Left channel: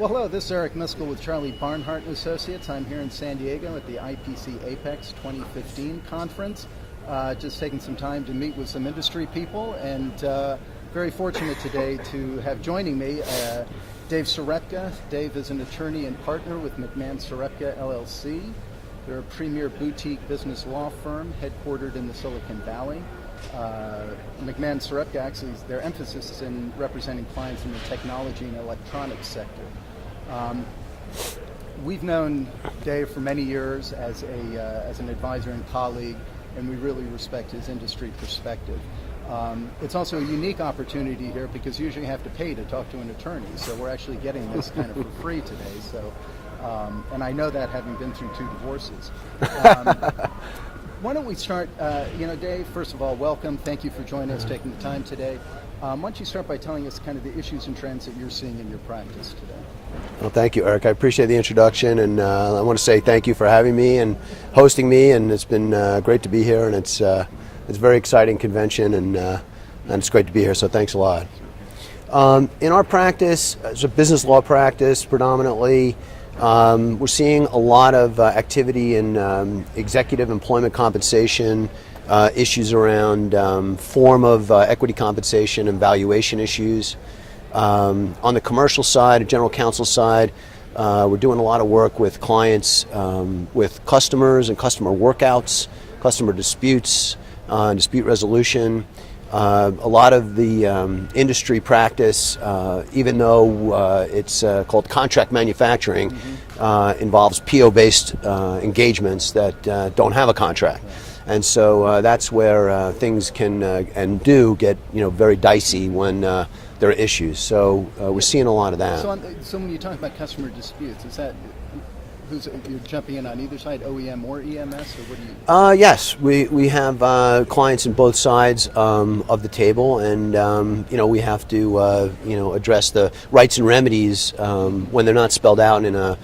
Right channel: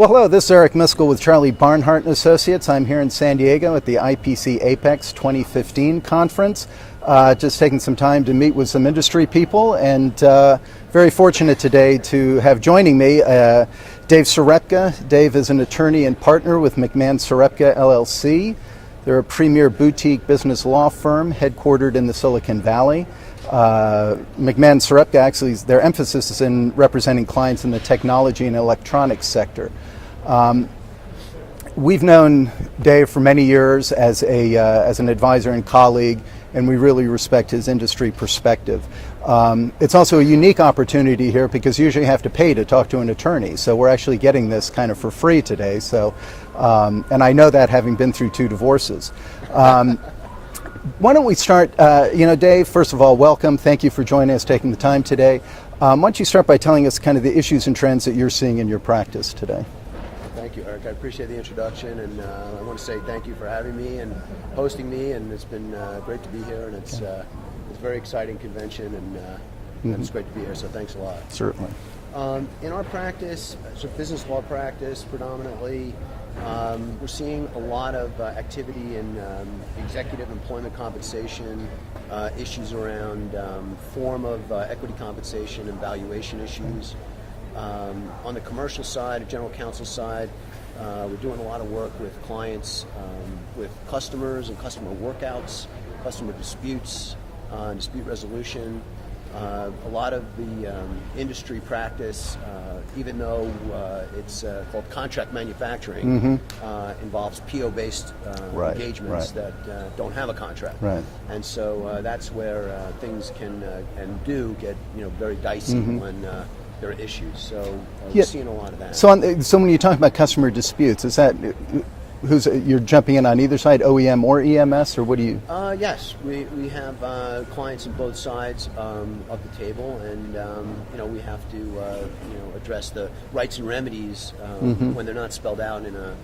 Well, hello, this is Eric Miscoll with Charlie Barnhart and Associates. I'm here in San Diego at the IPC APEX 2015 conference. Just taking some time to meet with some industry people, and very fortunate today to have joining me Dave Serepca. Dave is an attorney and partner with McMahon Serepca LLC. They're a premier boutique business law firm headquartered in the Silicon Valley. McMahon Serepca, actually, their emphasis is in representing clients in the technology and electronics sector. We've known Dave for many years as an advisor and colleague, and we really respect his industry perspective. It's also a unique opportunity here because usually you have to pay to talk to an attorney, so we're actually getting this kind of for free today. So, and I know that having been through 2 divorces. Why don't we start, Dave, first of all, welcome. Thank you for joining us, taking the time today. Why don't you start by telling us kind of the issues and trends that you're seeing in your practice today? Well, thank you, Eric. I appreciate the introduction, and I want to say thank you for having me and hosting me, and it's been great to be here, and it's a very exciting convention, and it's great to be here, so thanks a lot. Certainly. In our practice, it's a business law practice predominantly. We're seeing a lot of activity in executive employment compensation, issues around form of equity compensation and valuation issues. On the commercial side, general counsel side, we're doing a lot of work with clients, with customers and customer workouts, customer disputes, dispute resolution. A lot of the industry practice, even though it's called contract manufacturing, involves PO-based engagements that don't have a contract. Right. And so that's where things can and do get very dicey when there are issues. So we're seeing a lot of that. So when you talk about customer disputes, is that you're jumping in on either side, OEM or EMS, or what do you? Yes, we have clients on both sides of the table, and we have to address the rights and remedies when they're not spelled out in a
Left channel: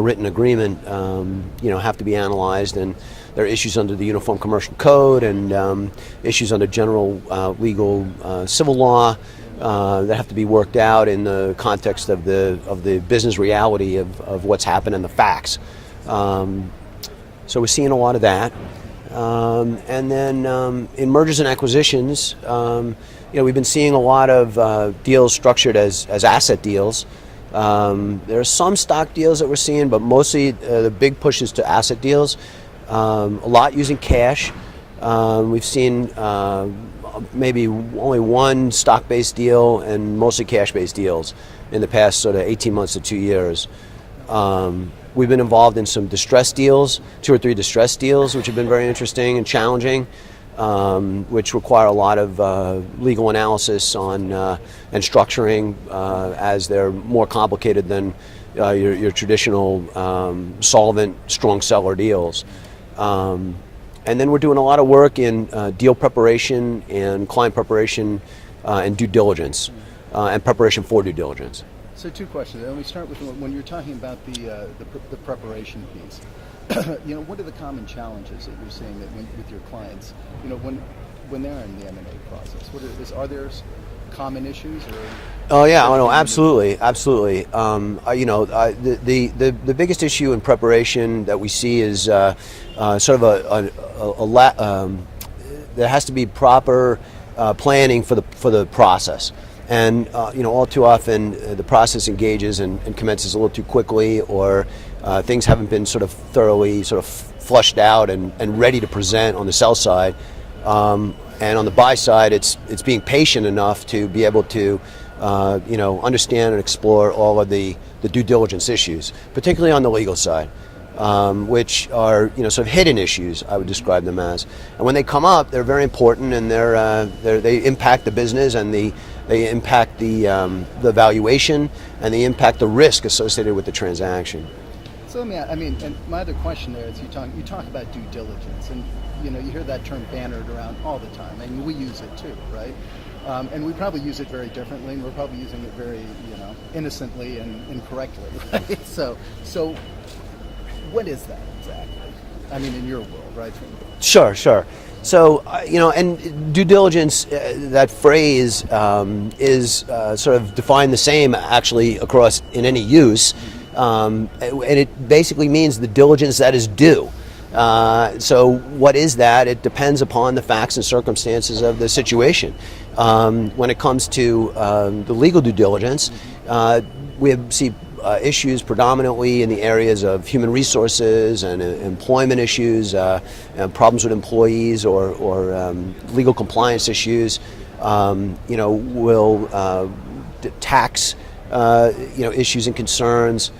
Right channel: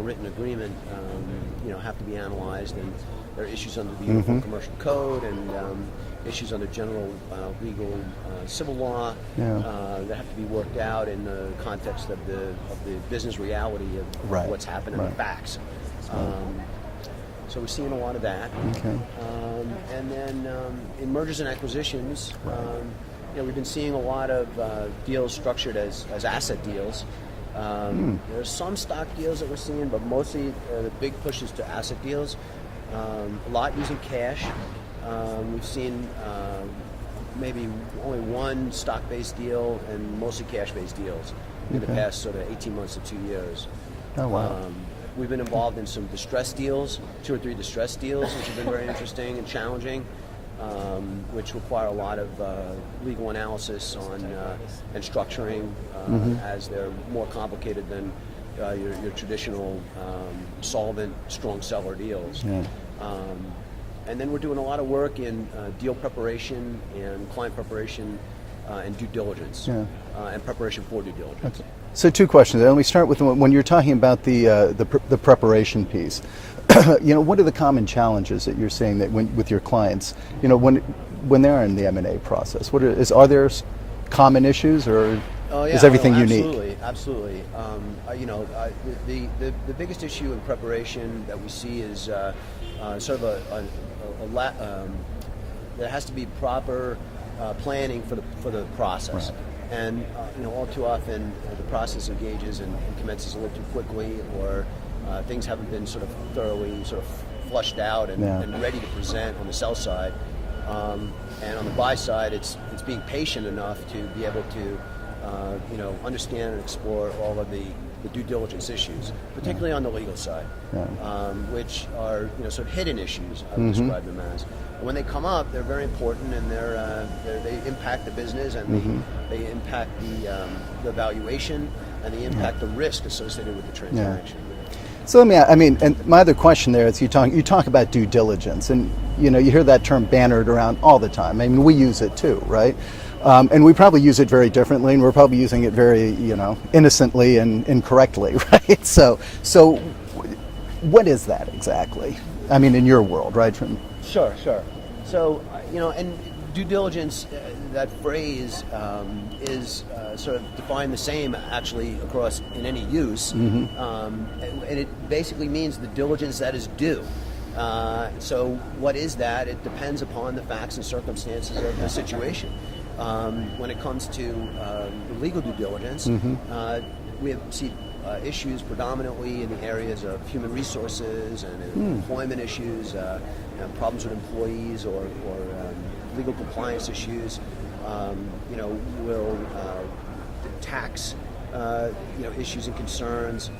written agreement. Have to be analyzed, and there are issues under the Uniform Commercial Code and issues under general legal civil law that have to be worked out in the context of the business reality of what's happened and the facts. So we're seeing a lot of that. Okay. And then in mergers and acquisitions, we've been seeing a lot of deals structured as asset deals. There are some stock deals that we're seeing, but mostly the big push is to asset deals. A lot using cash. We've seen maybe only one stock-based deal and mostly cash-based deals in the past sort of 18 months to 2 years. Oh, wow. We've been involved in some distress deals, 2 or 3 distress deals, which have been very interesting and challenging, which require a lot of legal analysis on and structuring as they're more complicated than your traditional solvent, strong seller deals. Yeah. And then we're doing a lot of work in deal preparation and client preparation and due diligence and preparation for due diligence. Okay. So 2 questions. Let me start with when you're talking about the preparation piece. What are the common challenges that you're seeing that with your clients? When they're in the M&A process, are there common issues, or is everything absolutely, unique? Absolutely. The biggest issue in preparation that we see is sort of there has to be proper planning for the process, and all too often the process engages and commences a little too quickly, or things haven't been sort of thoroughly sort of flushed out and ready to present on the sell side. And on the buy side, it's being patient enough to be able to, understand and explore all of the due diligence issues, particularly on the legal side, which are sort of hidden issues, I would describe them as. And when they come up, they're very important, and they impact the business, and they impact the valuation, and they impact the risk associated with the transaction. So and my other question there is you talk about due diligence, and you hear that term bannered around all the time. I mean, we use it too, right? And we probably use it very differently, and we're probably using it very, innocently and incorrectly, right? So what is that exactly? I mean, in your world, right? Sure. So, and due diligence, that phrase is sort of defined the same actually across in any use, and it basically means the diligence that is due. So what is that? It depends upon the facts and circumstances of the situation. When it comes to the legal due diligence, we see issues predominantly in the areas of human resources and employment issues, and problems with employees or legal compliance issues. Will tax issues and concerns,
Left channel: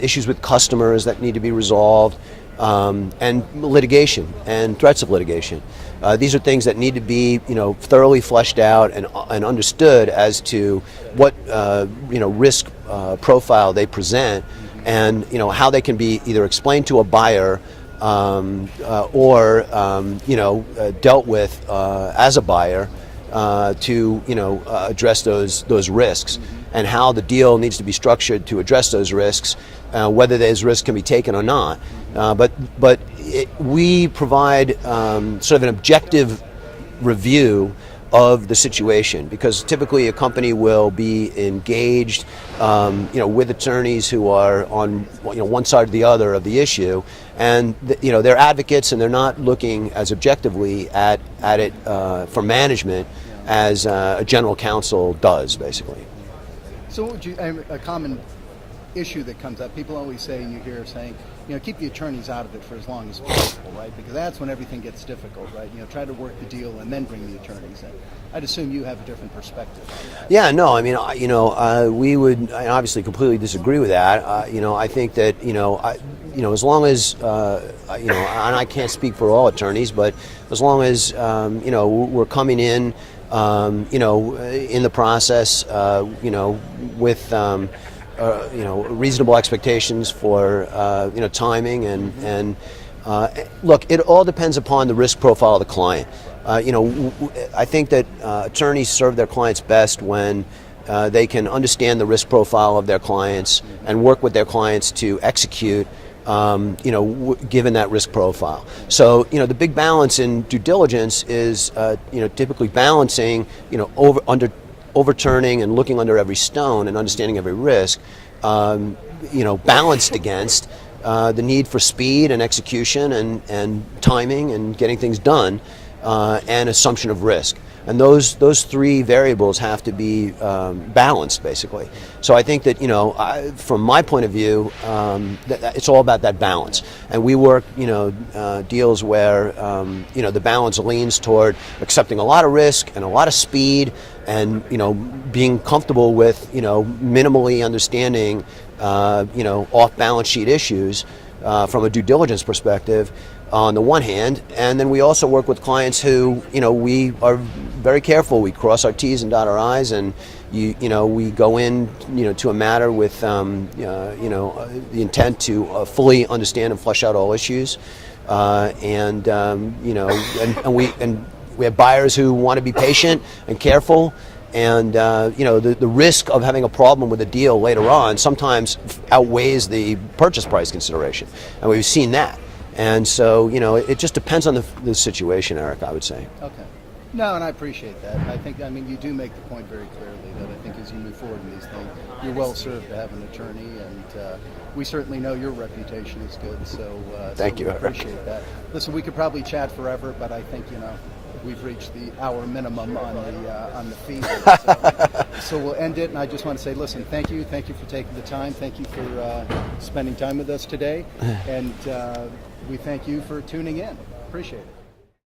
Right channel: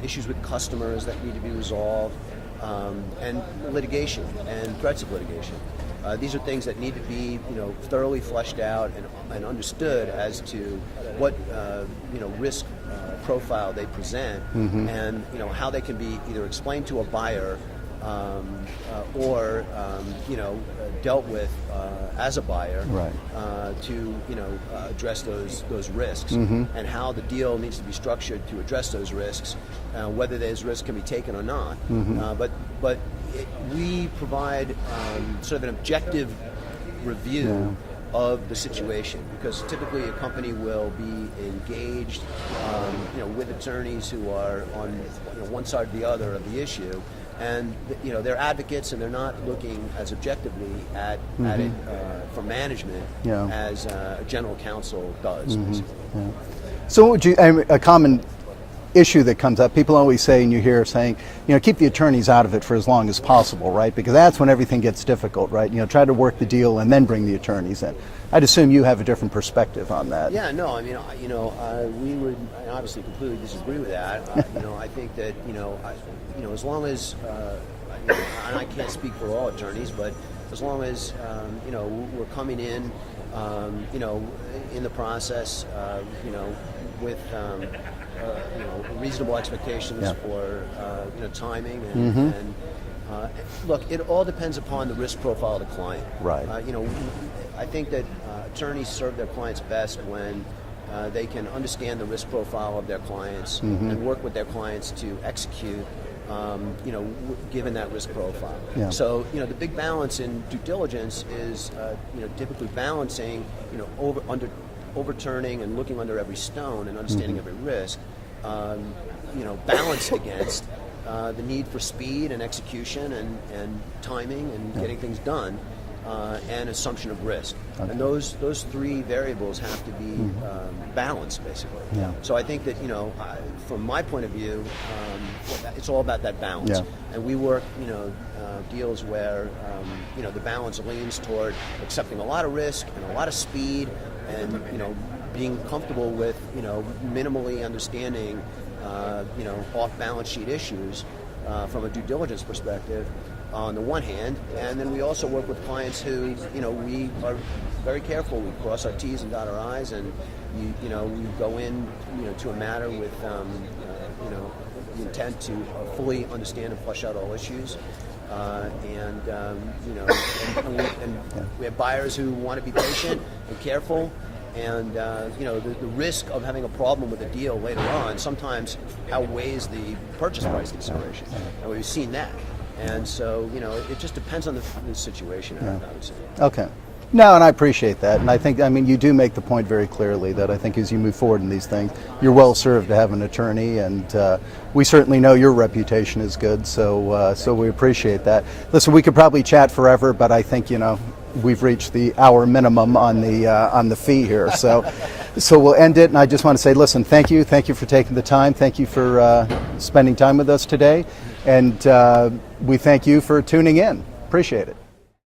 issues with customers that need to be resolved, and litigation and threats of litigation. These are things that need to be, thoroughly fleshed out and understood as to what, risk profile they present, and how they can be either explained to a buyer or dealt with as a buyer, to address those risks, and how the deal needs to be structured to address those risks, whether those risks can be taken or not. But we provide sort of an objective review of the situation, because typically a company will be engaged with attorneys who are on one side or the other of the issue, and they're advocates, and they're not looking as objectively at it for management as a general counsel does, basically. So what would you, a common issue that comes up, people always say, and you hear saying, keep the attorneys out of it for as long as possible, right? Because that's when everything gets difficult, right? Try to work the deal and then bring the attorneys in. I'd assume you have a different perspective on that. Yeah, no, I mean, we would obviously completely disagree with that. I think that, as long as, and I can't speak for all attorneys, but as long as, we're coming in, in the process, with, reasonable expectations for timing and look, it all depends upon the risk profile of the client. Right. I think that attorneys serve their clients best when they can understand the risk profile of their clients and work with their clients to execute, given that risk profile. Yeah. So, the big balance in due diligence is, typically balancing, overturning and looking under every stone and understanding every risk, balanced against the need for speed and execution and timing and getting things done, and assumption of risk. And those three variables have to be balanced, basically. Yeah. So I think that, from my point of view, it's all about that balance. Yeah. And we work, deals where, the balance leans toward accepting a lot of risk and a lot of speed, and being comfortable with minimally understanding off balance sheet issues from a due diligence perspective on the one hand, and then we also work with clients who we are very careful. We cross our T's and dot our I's, and we go in to a matter with the intent to fully understand and flesh out all issues. And we have buyers who want to be patient and careful, and the risk of having a problem with a deal later on sometimes outweighs the purchase price consideration, and we've seen that. And so it just depends on the situation, Eric, I would say. Okay. No, and I appreciate that, and I think, you do make the point very clearly that I think as you move forward in these things, you're well served to have an attorney, and we certainly know your reputation is good, so we appreciate that. Listen, we could probably chat forever, but I think we've reached the hour minimum on the fee here, so we'll end it. And I just want to say, listen, thank you for taking the time, thank you for spending time with us today, and we thank you for tuning in. Appreciate it.